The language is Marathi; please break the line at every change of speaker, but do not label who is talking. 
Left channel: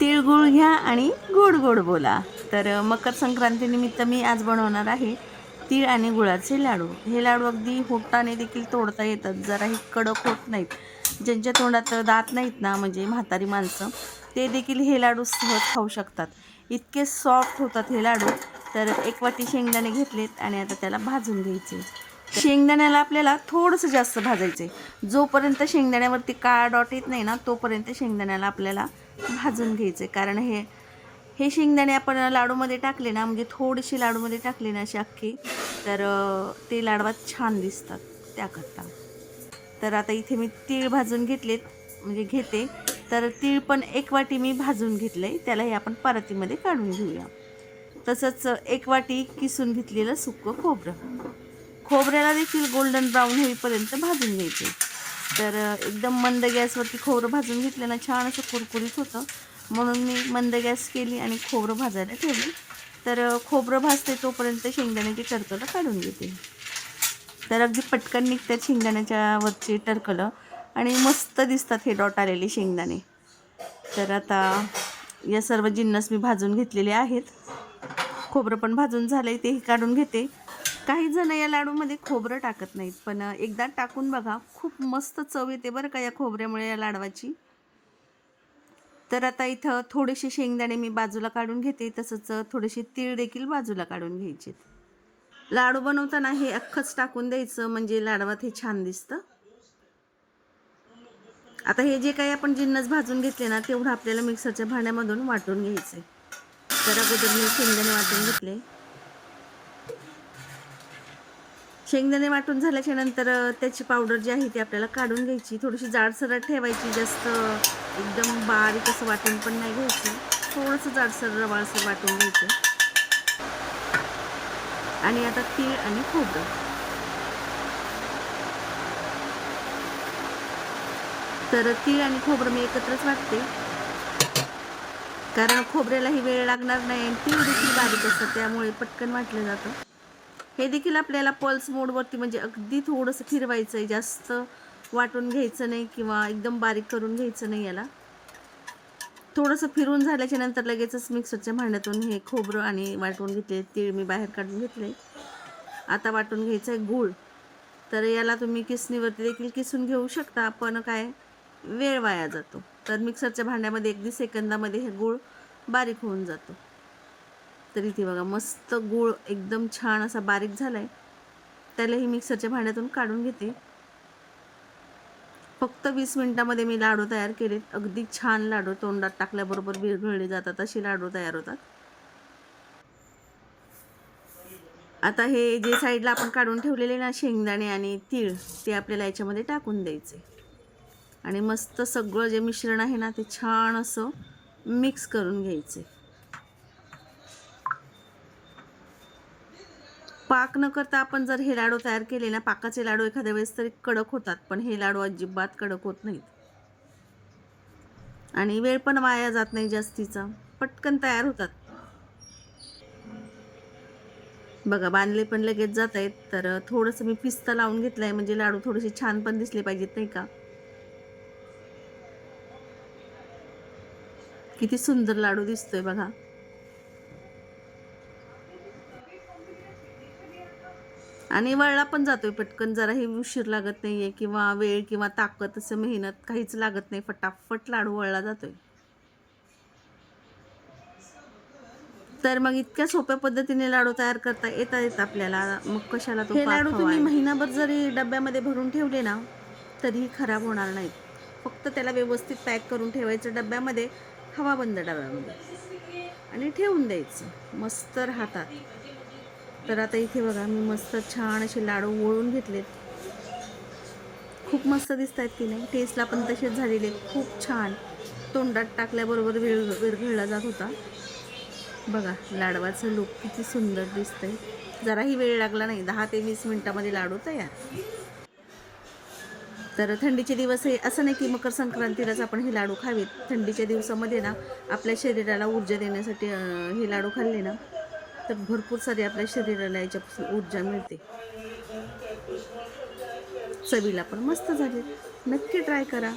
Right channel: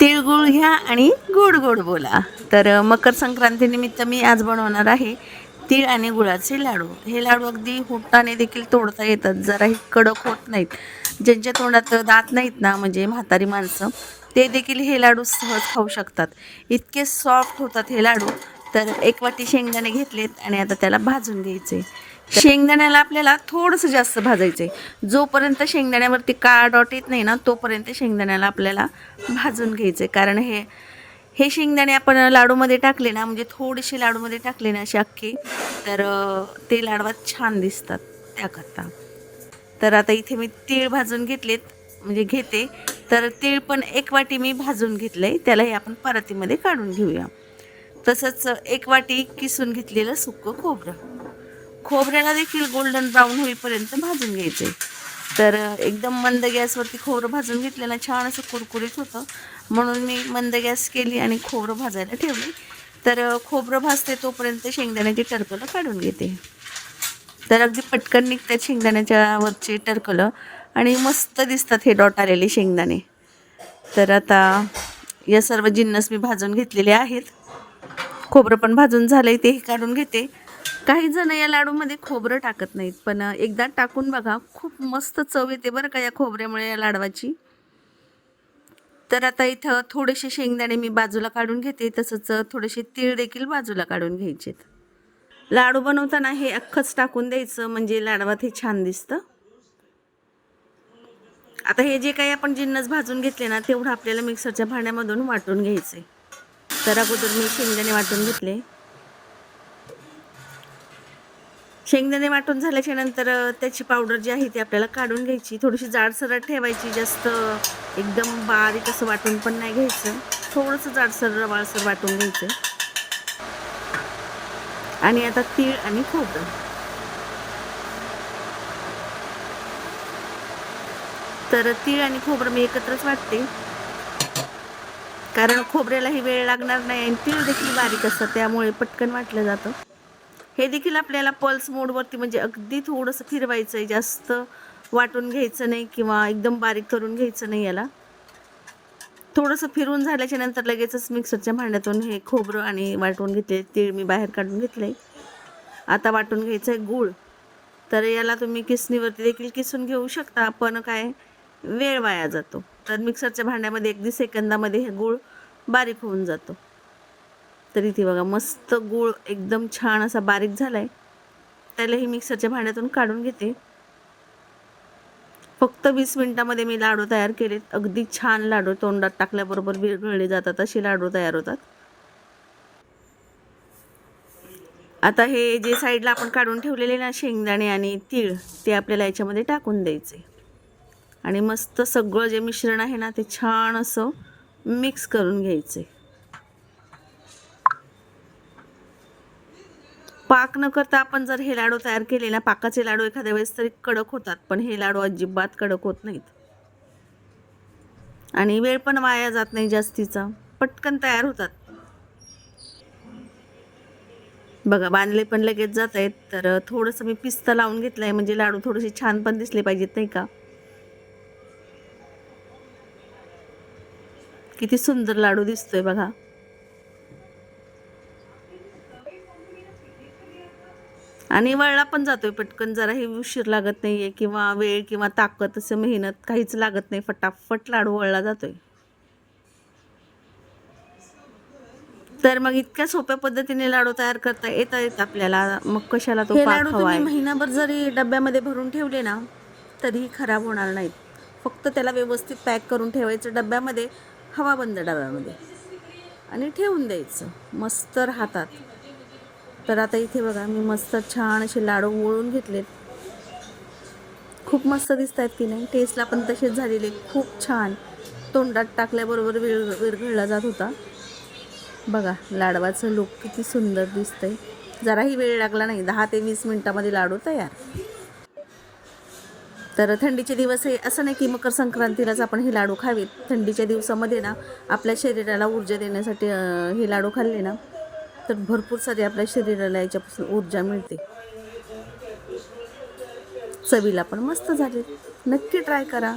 तिळगुळ घ्या आणि गोड गोड बोला. तर मकर संक्रांतीनिमित्त मी आज बनवणार आहे तीळ आणि गुळाचे लाडू. हे लाडू अगदी होटाने देखील तोडता येतात जराही कडक होत नाहीत. ज्यांच्या तोंडात दात नाहीत ना म्हणजे म्हातारी माणसं ते देखील हे लाडू सहज खाऊ शकतात. इतके सॉफ्ट होतात हे लाडू. तर एक वाटी शेंगदाणे घेतलेत आणि आता त्याला भाजून घ्यायचे. शेंगदाण्याला आपल्याला थोडंसं जास्त भाजायचं आहे जोपर्यंत शेंगदाण्यावरती काळा डॉट येत नाही ना तोपर्यंत शेंगदाण्याला आपल्याला भाजून घ्यायचे कारण हे हे शेंगदाणे आपण लाडूमध्ये टाकले ना म्हणजे थोडेसे लाडूमध्ये टाकले ना असे अख्खे तर ते लाडवात छान दिसतात त्याकरता. तर आता इथे मी तीळ भाजून घेतलेत म्हणजे घेते. तर तीळ पण एक वाटी मी भाजून घेतलं आहे त्यालाही आपण परातीमध्ये काढून घेऊया. तसंच एक वाटी किसून घेतलेलं सुकं खोबरं. खोबऱ्याला देखील गोल्डन ब्राऊन होईपर्यंत भाजून घ्यायचे. तर एकदम मंद गॅसवरती खोबरं भाजून घेतलं ना छान असं कुरकुरीत होतं. म्हणून मी मंद गॅस केली आणि खोबरं भाजायला ठेवली. तर खोबरं भाजते तोपर्यंत शेंगदाण्याची टरकलं काढून घेते. तर अगदी पटकन निघतात शेंगदाण्याच्या वरचे टरकलं. आणि मस्त दिसतात हे डॉट आलेले शेंगदाणे. तर आता या सर्व जिन्नस मी भाजून घेतलेले आहेत. खोबरं पण भाजून झालं आहे तेही काढून घेते. काही जण या लाडूमध्ये खोबरं टाकत नाहीत पण एकदा टाकून बघा खूप मस्त चव येते बरं का या खोबऱ्यामुळे या लाडवाची. तर आता इथं थोडेसे शेंगदाणे मी बाजूला काढून घेते तसंच थोडेसे तीळ देखील बाजूला काढून घ्यायचे लाडू बनवताना हे अख्खंच टाकून द्यायचं म्हणजे लाडवात हे छान दिसतं. आता हे जे काही आपण जिन्नस भाजून घेतले ना तेवढं आपल्याला मिक्सरच्या भांड्यामधून वाटून घ्यायचे तर अगोदर मी शेंगदाणे वाटून घेतले. शेंगदाणे वाटून झाल्याच्यानंतर त्याची पावडर जी आहे ती आपल्याला काढून घ्यायची. थोडीशी जाडसरट ठेवायची जास्त एकदम बारीक असं वाटून पण नाही घ्यायचं. थोडंसं जाडसर रवाळसर वाटून घ्यायचं. आणि आता तीळ आणि खोबरं. तर तीळ आणि खोबरं मी एकत्रच वाटते. कारण खोबऱ्यालाही वेळ लागणार नाही आणि तीळ देखील बारीक असतात त्यामुळे पटकन वाटलं जातं. हे देखील आपल्याला पल्स मोडवरती म्हणजे अगदी थोडंसं फिरवायचं आहे जास्त वाटून घ्यायचं नाही किंवा एकदम बारीक करून घ्यायचं नाही याला. थोडंसं फिरून झाल्याच्यानंतर लगेचच मिक्सरच्या भांड्यातून हे खोबरं आणि वाटून घेतले तीळ मी बाहेर काढून घेतले आता वाटून घ्यायचं आहे गूळ. तर याला तुम्ही किसणीवरती देखील किसून घेऊ शकता पण काय वेळ वाया जातो. तर मिक्सरच्या भांड्यामध्ये अगदी सेकंदामध्ये हे गूळ बारीक होऊन जातो. तर इथे बघा मस्त गूळ एकदम छान असा बारीक झाला आहे त्यालाही मिक्सरच्या भांड्यातून काढून घेते. फक्त वीस मिनिटामध्ये मी लाडू तयार केलेत. अगदी छान लाडू तोंडात टाकल्याबरोबर विरघळले जातात असे लाडू तयार होतात. आता हे जे साईडला आपण काढून ठेवलेले ना शेंगदाणे आणि तीळ ते आपल्याला याच्यामध्ये टाकून द्यायचे. आणि मस्त सगळं जे मिश्रण आहे ना ते छान असं मिक्स करून घ्यायचे. पाक न करता आपण जर हे लाडू तयार केले ना पाकाचे लाडू एखाद्या वेळेस तरी कडक होतात पण हे लाडू अजिबात कडक होत नाहीत. आणि वेळ पण वाया जात नाही जास्तीचा. पटकन तयार होतात. बघा बांधले पण लगेच जात आहेत तर थोडंसं मी पिस्ता लावून घेतलं आहे म्हणजे लाडू थोडेसे छान पण दिसले पाहिजेत नाही का? किती सुंदर लाडू दिसतोय बघा. आणि वळला पण जातोय पटकन. जराही उशीर लागत नाहीये किंवा वेळ किंवा ताकद असं मेहनत काहीच लागत नाही. फटाफट लाडू वळला जातोय. तर मग इतक्या सोप्या पद्धतीने लाडू तयार करता येता येत आपल्याला. मग कशाला तो लाडू तुम्ही महिनाभर जरी डब्यामध्ये भरून ठेवले ना तरीही खराब होणार नाहीत. फक्त त्याला व्यवस्थित पॅक करून ठेवायचं डब्यामध्ये हवाबंद डब्यामध्ये. आणि ठेवून द्यायचं. मस्त राहतात. तर आता इथे बघा मी मस्त छान असे लाडू वळून घेतलेत. खूप मस्त दिसत आहेत की नाही. टेस्टला पण तसेच झालेले. खूप छान. तोंडात टाकल्याबरोबर विर विरघळला जात होता. बघा लाडवाचं लुक किती सुंदर दिसतंय. जराही वेळ लागला नाही. दहा ते वीस मिनटामध्ये लाडू तयार. तर थंडीचे दिवस हे असं नाही की मकर संक्रांतीलाच आपण हे लाडू खावेत. थंडीच्या दिवसामध्ये ना आपल्या शरीराला ऊर्जा देण्यासाठी हे लाडू खाल्ले ना तर भरपूर सारी आपल्या शरीराला याच्यापासून ऊर्जा मिळते. चवीला पण मस्त झाले नक्की ट्राय करा.